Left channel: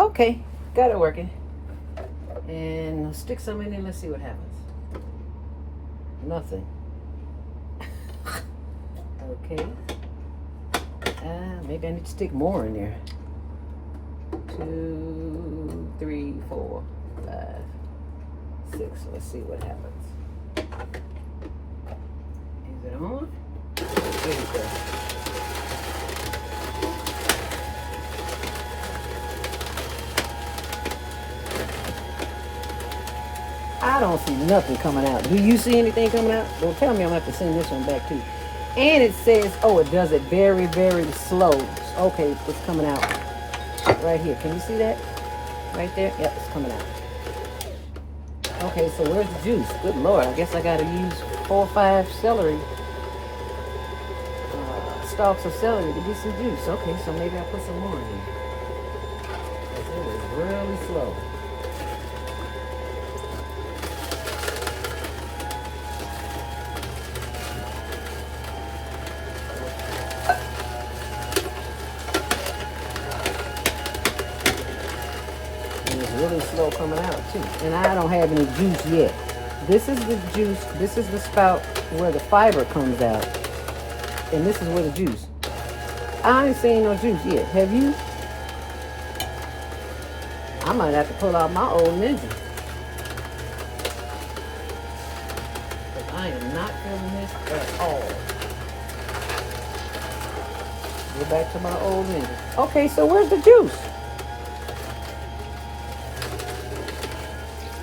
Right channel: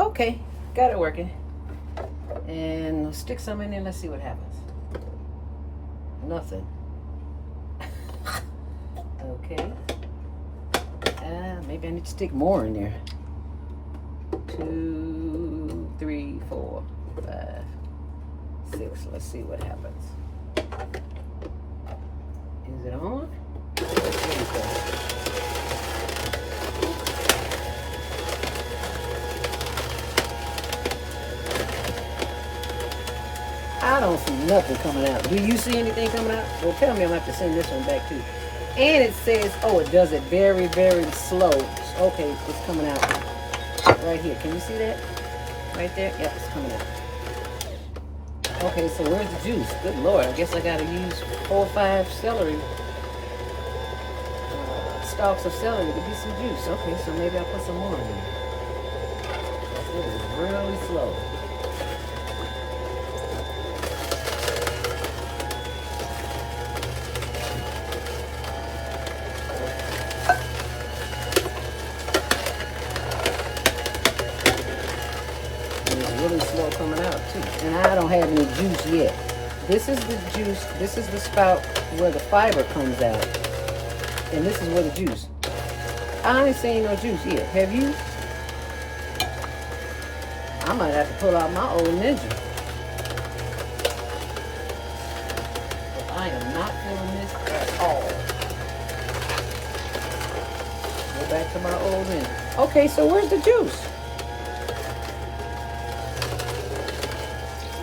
Okay, got it working. And we'll stick some in there. Let's see what happens. Nothing. Okay. Maybe I need to stick more in there. 2, 3, 4, 5, 6. Let's see what happens. Is it on? There we go. I don't see nothing coming out. Do you see anything coming out? Well, tell me I'm going to have to send this one back too. And it says, oh, it does it very, very slow. Okay, it's coming out right here. Can you see that? Right there? Yep, it's coming out. Okay, so where's the juice? Good Lord, I guess I got to use 4 or 5 celery. Stalks of celery to get some juice. Okay, so maybe I'll put some more in here. It is really slow. Really slow coming out too, and I don't have any juice yet. This is the juice. This is the spout where the fiber comes out, and this is where the juice. I ain't seen no juice yet. Have you? I might have to pull out my old Ninja. But I am not feeling this at all. Go back to my old Ninja. Okay, so where's the juice?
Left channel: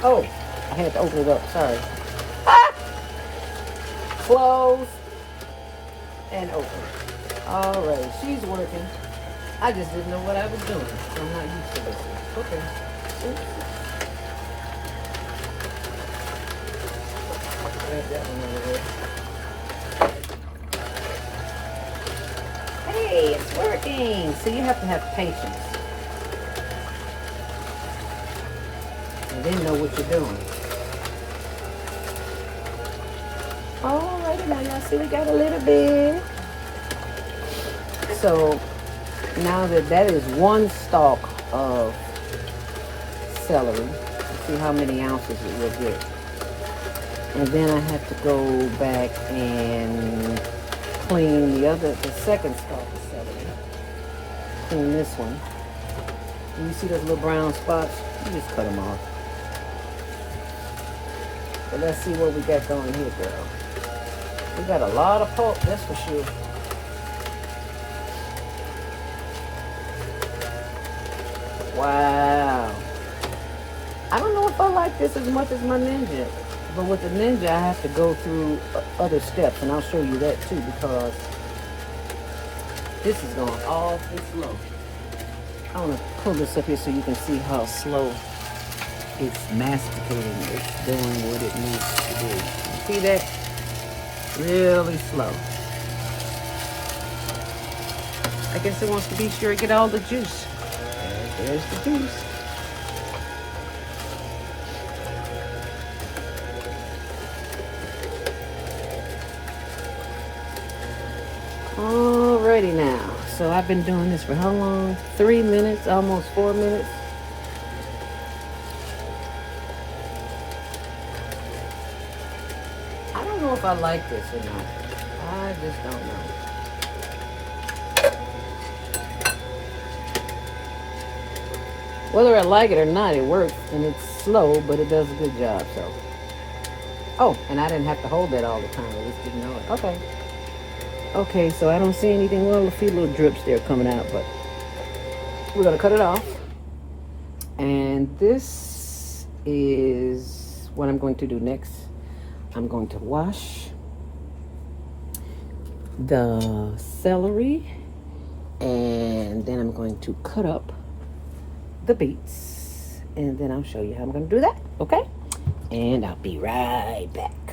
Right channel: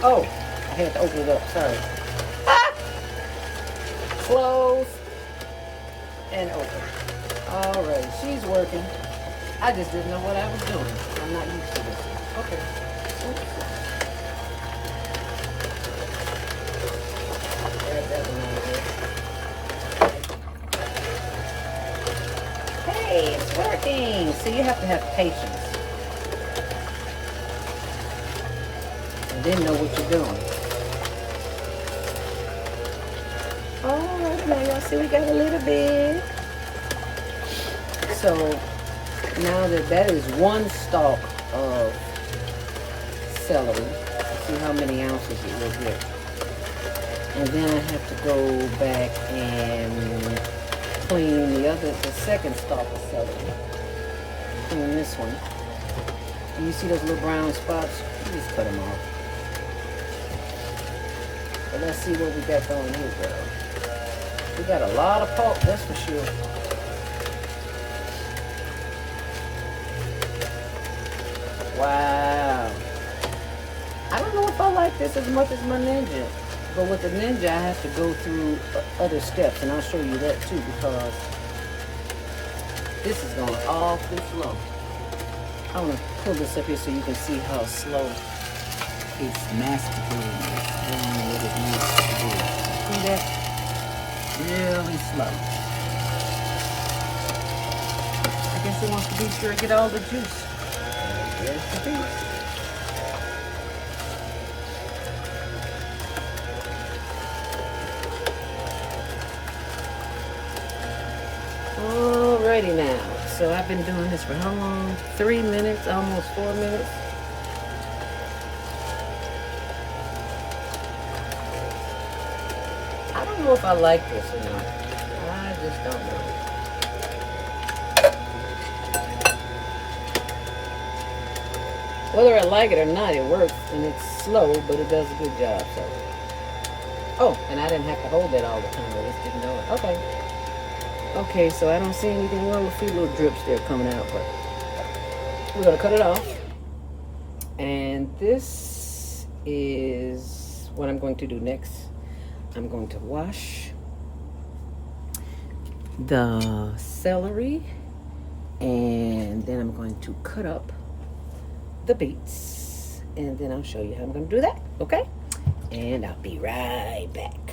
Oh, I had to open it up. Sorry. Ah! Close and open. All right, she's working. I just didn't know what I was doing. I'm not used to this. Okay. Grab that one over there. Hey, it's working. So you have to have patience. And then know what you're doing. All right, now y'all see we got a little bit. So now that is 1 stalk of celery. Let's see how many ounces it will get. And then I have to go back and clean the second stalk of celery. Clean this one. And you see those little brown spots? You just cut them off. But let's see what we got going here, girl. We got a lot of pulp, that's for sure. Wow. I don't know if I like this as much as my Ninja. But with the Ninja, I have to go through other steps. And I'll show you that too, because this is going awfully slow. I want to pull this up here so you can see how slow it's masticating. It's very nice. See that? Really slow. I guess it wants to be sure to get all the juice. There's the juice. Alrighty now. So I've been doing this for how long? 3 minutes, almost 4 minutes. I don't know if I like this or not. I just don't know. Whether I like it or not, it works, and it's slow, but it does a good job, so. Oh, and I didn't have to hold that all the time. I just didn't know it. Okay. Okay, so I don't see anything. Well, a few little drips there coming out, but we're going to cut it off. And this is what I'm going to do next. I'm going to wash the celery, and then I'm going to cut up the beets, and then I'll show you how I'm going to do that, okay? And I'll be right back.